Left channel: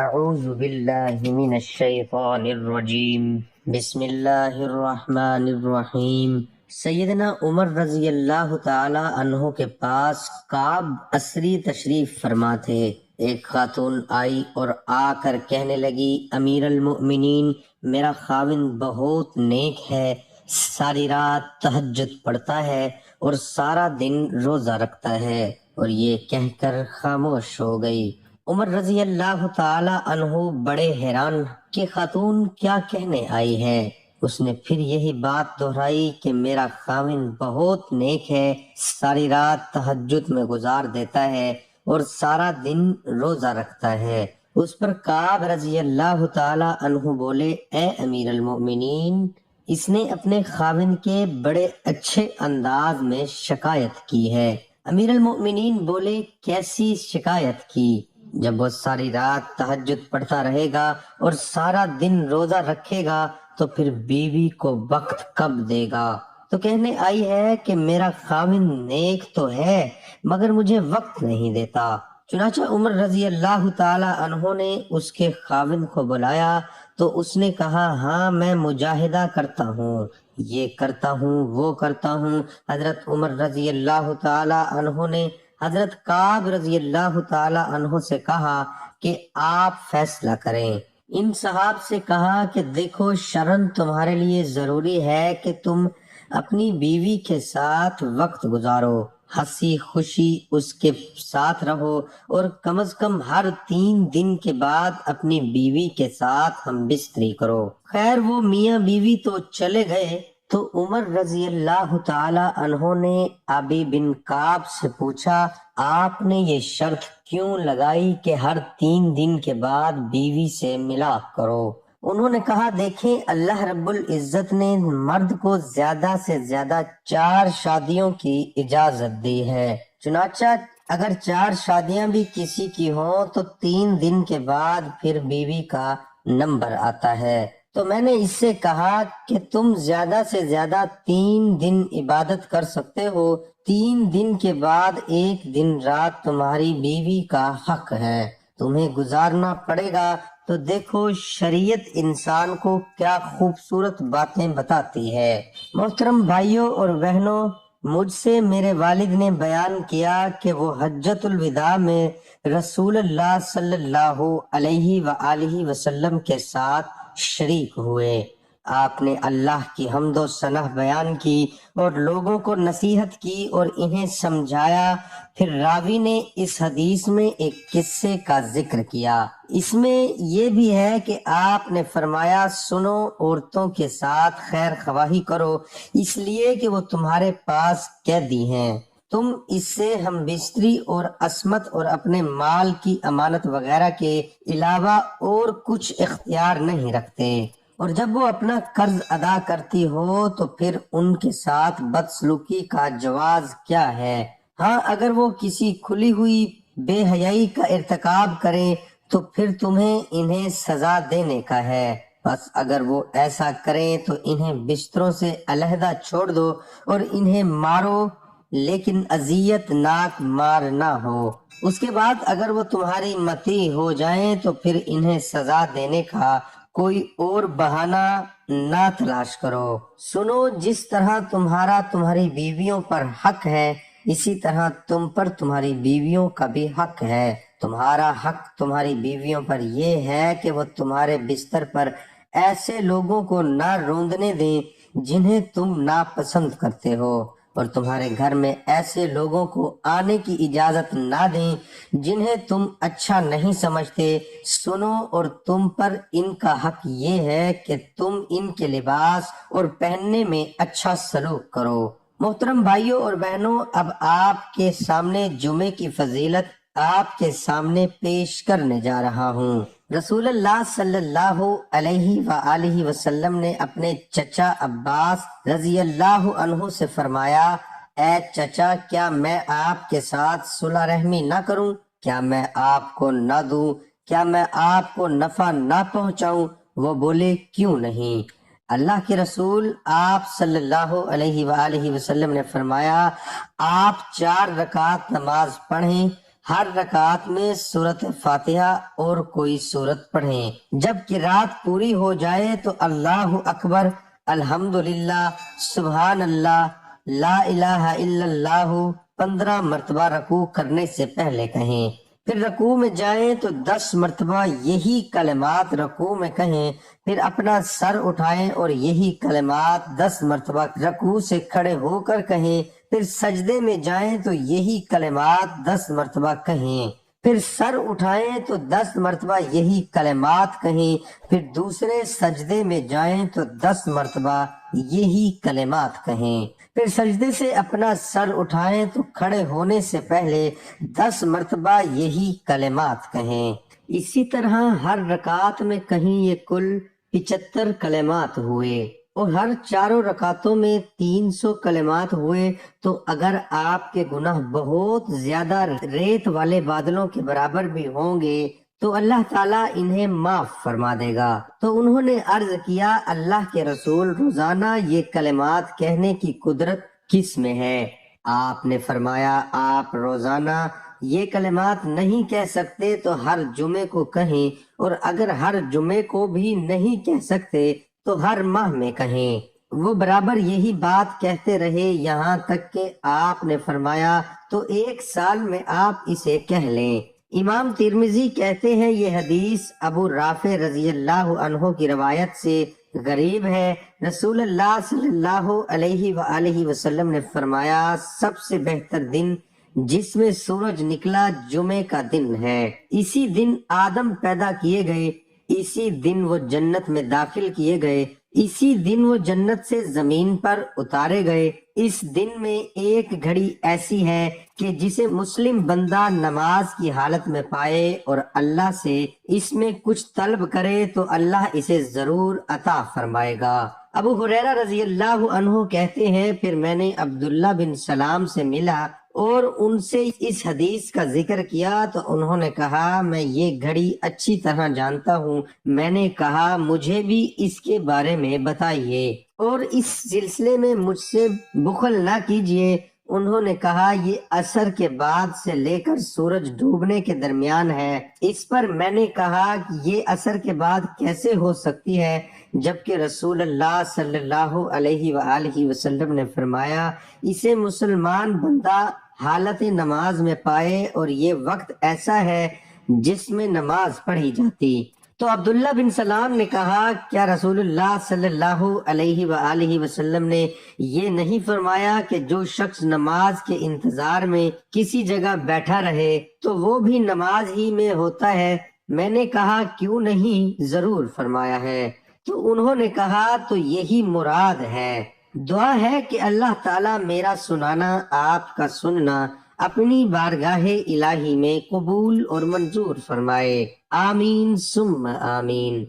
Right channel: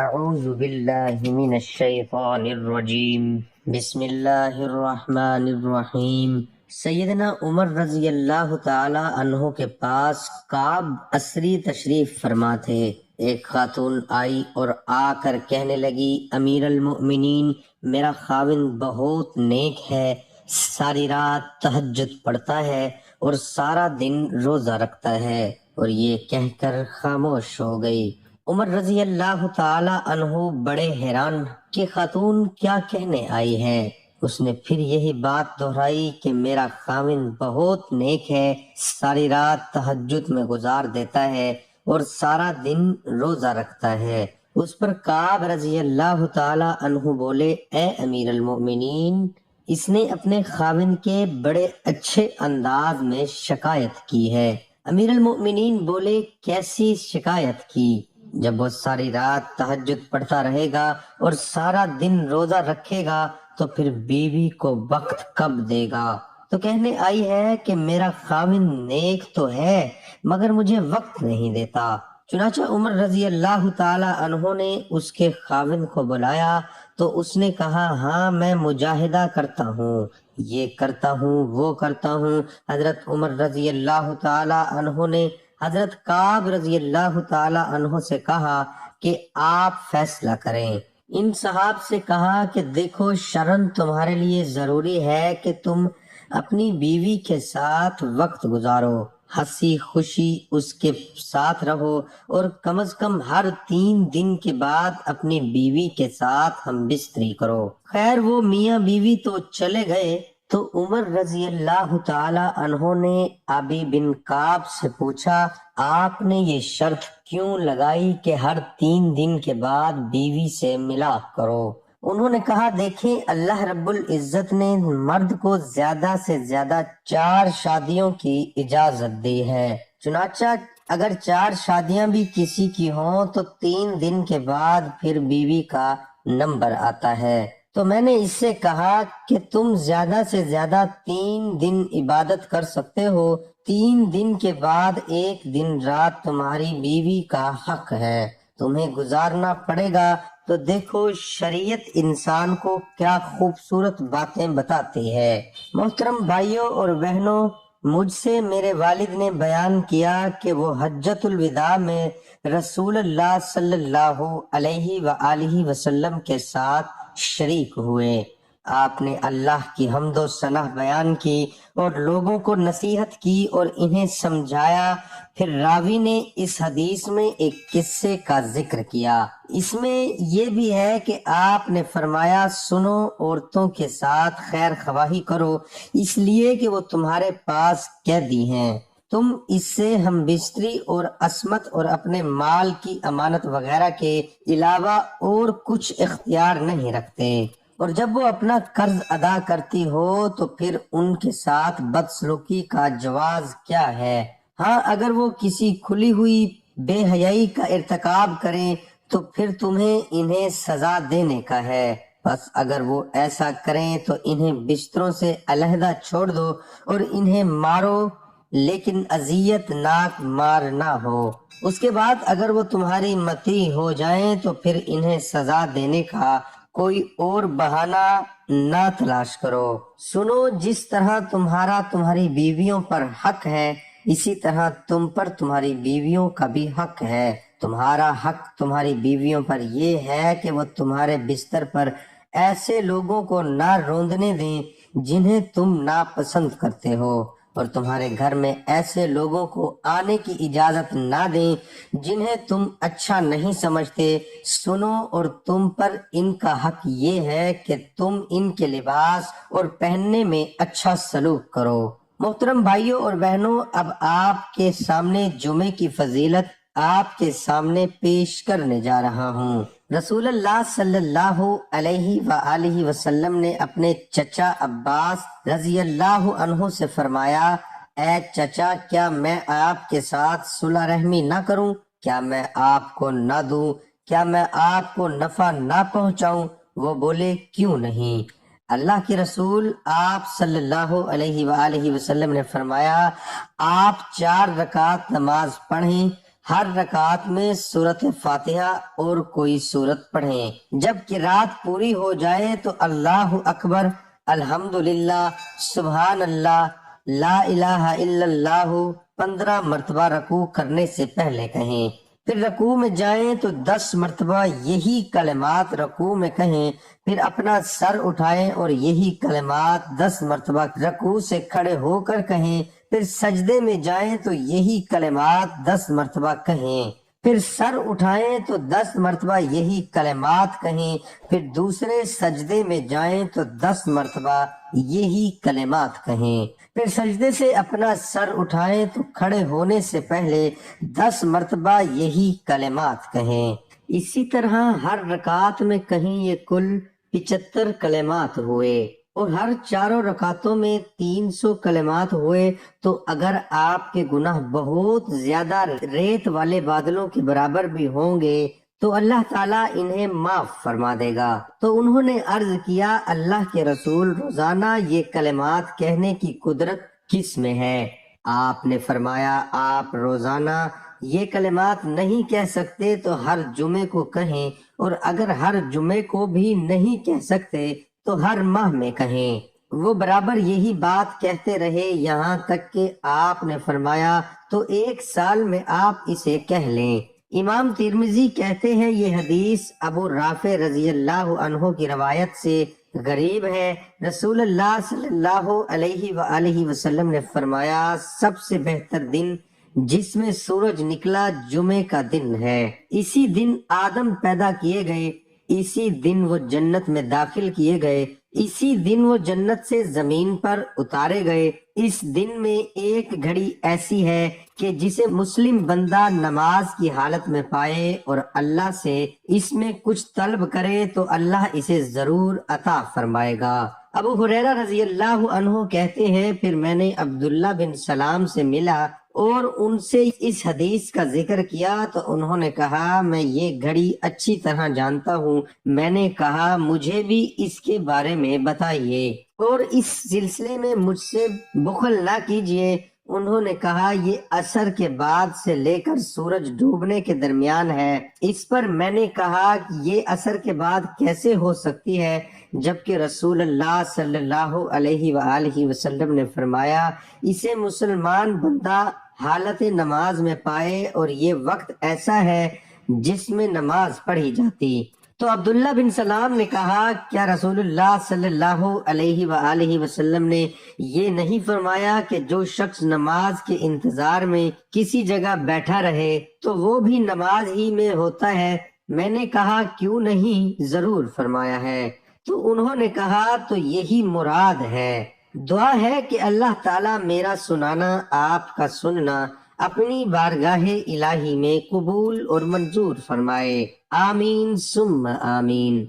اعوذ باللہ من الشیطان الرجیم بسم اللہ الرحمن الرحیم۔ سیدنا عمر رضی اللہ تعالی عنہ کے پاس کعب عصری تشریف فرما تھے۔ ایک خاتون آئی اور آ کر کہنے لگی، امیر المؤمنین، میرا خاوند بہت نیک ہے، ساری رات تہجد پڑھتا ہے اور سارا دن روزہ رکھتا ہے، اور یہ کہہ کر خاموش ہو گئی۔ عمر رضی اللہ تعالی عنہ بڑے حیران کہ خاتون کیا کہنے آئی ہے۔ اس نے پھر یہی بات دہرائی کہ میرا خاوند بہت نیک ہے، ساری رات تہجد میں گزار دیتا ہے اور سارا دن روزہ رکھتا ہے۔ اس پر کعب رضی اللہ تعالی عنہ بولے، اے امیر المؤمنین، اس نے اپنے خاوند کے بڑے اچھے انداز میں شکایت کی ہے۔ امیر المؤمنین بولے، کیسی شکایت کی؟ جب وہ ساری رات تہجد پڑھتا رہے گا اور سارا دن روزہ رکھے گا تو پھر بیوی کو وقت کب دے گا؟ تو کہنے آئی ہے کہ میرا خاوند نیک تو ہے مگر مجھے وقت نہیں دیتا۔ چنانچہ عمر رضی اللہ تعالی عنہ نے اس کے خاوند کو بلایا تو اس نے کہا، ہاں میں مجاہدہ کرتا ہوں، یہ کرتا ہوں، وہ کرتا ہوں۔ حضرت عمر رضی اللہ تعالی عنہ نے حضرت کعب رضی اللہ تعالی عنہ سے کہا کہ آپ فیصلہ کریں۔ ان صحاب سے کہا کہ دیکھو، شرعاً تمہارے لیے ضروری ہے کہ تم اپنی بیوی کے ساتھ وقت گزارو، ہنسی خوشی اس کے ساتھ رہو، اور کم از کم ہر 3 دن کے بعد اپنی بیوی کے ساتھ ہم بستری کرو۔ خیر وہ میاں بیوی تو چلے گئے تو عمر رضی اللہ تعالی عنہ نے ابی بن کعب سے پوچھا، آپ نے یہ شرط کیوں لگائی کہ ہر 3 دن کے بعد بیوی سے ملاپ کرو؟ انہوں نے کہا، دیکھیں، اللہ رب العزت نے مرد کو زیادہ سے زیادہ 4 شادیوں کی اجازت دی ہے، چنانچہ اگر 4 شادیاں بھی کسی کی ہوں تو 3 دن کے بعد پھر بیوی کا نمبر آتا ہے۔ تو میں نے اس سے کہا کہ تم زیادہ سے زیادہ 3 دن عبادت کر سکتے ہو، 3 دن کے بعد 1 دن رات تمہاری بیوی کا حق ہے، تمہیں گزارنا پڑے گا۔ تو دیکھو شریعت انسان کو کیا خوبصورت باتیں بتاتی ہے۔ محترم بھائیوں اور بہنوں، مجھ سے میرے والد نے بیان کیا کہ وہ حجۃ الوداع میں رسول اللہ صلی اللہ علیہ وآلہ وسلم کے ساتھ شریک ہوئے۔ آپ نے اللہ کی حمد و ثنا بیان کی اور لوگوں کو نصیحت کی اور انہیں سمجھایا۔ پھر راوی نے اس حدیث میں ایک قصے کا ذکر کیا۔ اس میں یہ بھی ہے کہ آپ نے فرمایا، سنو، عورتوں کے ساتھ خیر خواہی کرو، اس لیے کہ وہ تمہارے پاس قیدی ہیں، تم اس سے ہم بستری اور عصمت اور اپنے مال کی امانت وغیرہ کے علاوہ اور کچھ اختیار نہیں رکھتے، اور جب وہ اپنا قرض ادا کرتی ہو تو پھر ان کے ساتھ بدسلوکی کا جواز کیا ہے؟ ہاں، اگر وہ کسی کھلی ہوئی بے حیائی کا ارتکاب کریں تو پھر تمہیں انہیں سزا دینے کا ہے، بس اگر وہ ایسا کریں تو انہیں بستروں سے علیحدہ چھوڑ دو اور انہیں مارو، لیکن اذیت ناک مار نہ ہو۔ اس کے بعد اگر وہ تمہاری مطیع ہو جائیں تو پھر انہیں سزا دینے کا کوئی اور بہانہ نہ تلاش کرو۔ سنو، جس طرح تمہارا تمہاری بیویوں پر حق ہے، اسی طرح تم پر تمہاری بیویوں کا بھی حق ہے۔ تمہارا حق تمہاری بیویوں پر یہ ہے کہ وہ تمہارے بستر پر ایسے لوگوں کو نہ روندنے دیں جنہیں تم ناپسند کرتے ہو، اور تمہارے گھر میں ایسے لوگوں کو آنے کی اجازت نہ دیں جنہیں تم اچھا نہیں سمجھتے۔ سنو، اور تم پر ان کا حق یہ ہے کہ تم ان کے لباس اور پہننے میں اچھا سلوک کرو۔ محترم بھائیوں اور بہنوں، اب آپ کے سامنے جمعے کی فضیلت آپ کے سامنے پیش کرنے جا رہا ہوں۔ رسول اللہ صلی اللہ علیہ وآلہ وسلم نے اپنے چچا عباس رضی اللہ عنہ سے فرمایا، اے چچا، کیا میں آپ کے ساتھ صلح رحمی نہ کروں؟ کیا میں آپ کو نہ دوں؟ کیا میں آپ کو نفع نہ پہنچاؤں؟ وہ بولے، کیوں نہیں؟ اللہ کے رسول آپ صلی اللہ علیہ وآلہ وسلم نے فرمایا، آپ 4 رکعت نماز پڑھیں، ہر رکعت میں سورۃ فاتحہ اور کوئی سورت پڑھیں۔ جب قرات پوری ہو جائے تو اللہ اکبر، الحمدللہ، سبحان اللہ، لا الہ الا اللہ 15 مرتبہ رکوع کرنے سے پہلے کہیں۔ پھر رکوع میں جائیں تو 10 مرتبہ یہی کلمات رکوع میں کہیں، پھر اپنا سر اٹھائیں اور یہی کلمات 10 مرتبہ رکوع سے کھڑے ہو کر کہیں، پھر سجدے میں جائیں تو یہی کلمات 10 مرتبہ کہیں، پھر سر اٹھائیں تو 10 مرتبہ یہی کلمات کہیں، پھر دوسرے سجدے میں جائیں تو 10 مرتبہ یہی کلمات کہیں، پھر سجدے سے اپنا سر اٹھائیں تو کھڑے ہونے سے پہلے 10 مرتبہ یہی کلمات کہیں۔ اسی طرح ہر رکعت میں کہیں یہ کل 75 کلمات ہوئے، اور ہر چاروں رکعتوں میں 300 کلمات ہوئے تو اگر آپ کے گناہ بہت زیادہ ریت والے بادلوں کے برابر بھی ہوں گے تو اللہ تعالیٰ انہیں معاف فرما دے گا۔ تو انہوں نے عرض کیا، اللہ کے رسول، روزانہ یہ کلمات کہنے کی قدرت کس میں ہے؟ آپ نے فرمایا، آپ روزانہ یہ کلمات نہیں کہہ سکتے تو ہر جمعے کو کہیں، اور اگر ہر جمعے کو بھی نہیں کہہ سکتے تو ہر ماہ میں کہیں۔ وہ برابر یہی بات کہتے رہے یہاں تک کہ آپ نے فرمایا تو 1 سال میں آپ اسے کہہ لیں۔ امام ترمذی کہتے ہیں یہ حدیث ابو رافع رضی اللہ عنہ کی روایت سے غریب ہے۔ رسول اللہ صلی اللہ علیہ وآلہ وسلم نے فرمایا، سب سے بہتر دن جس میں سورج نکلا جمعے کا دن ہے۔ اسی دن آدم پیدا کیے گئے، اسی دن وہ جنت میں داخل کیے گئے، اسی دن وہ جنت سے زمین پر اتارے گئے۔ اس دن میں ایک گھڑی ایسی ہے کہ جسے مسلم بندہ نماز کی حالت میں پائے اور اللہ سے اس میں کچھ طلب کرے تو اللہ اسے ضرور عطا فرمائے گا۔ ابو ہریرہ رضی اللہ عنہ کہتے ہیں، پھر میں نے عبداللہ بن سلام سے ملا اور ان سے اس حدیث کا ذکر کیا تو انہوں نے کہا، میں یہ گھڑی اچھی طرح جانتا ہوں۔ میں نے کہا، مجھے بھی اس کے بارے میں بتائیے اور اس سلسلے میں مجھ سے بخل نہ کیجیے۔ انہوں نے کہا، یہ عصر کے بعد سے لے کر سورج ڈوبنے کے درمیان ہے۔ اس پر میں نے کہا کہ یہ عصر کے بعد کیسے ہو سکتی ہے، جبکہ رسول اللہ صلی اللہ علیہ وآلہ وسلم نے فرمایا، اسے مسلمان بندہ حالت نماز میں پائے اور یہ وقت ایسا ہے جس میں نماز پڑھی جاتی۔ تو عبداللہ بن سلام نے کہا، کیا رسول اللہ صلی اللہ علیہ وآلہ وسلم نے یہ نہیں فرمایا کہ جو شخص نماز کے انتظار میں کسی جگہ بیٹھا رہے تو وہ بھی نماز ہی میں ہوتا ہے؟ میں نے کہا، کیوں نہیں، ضرور فرمایا ہے۔ تو انہوں نے کہا، تو یہی مراد ہے۔ دعا ہے کہ اللہ تعالیٰ میرا سنانا، آپ کا سننا اپنی بارگاہ الہی میں قبول اور منظور فرمائے۔ آمین ثم آمین۔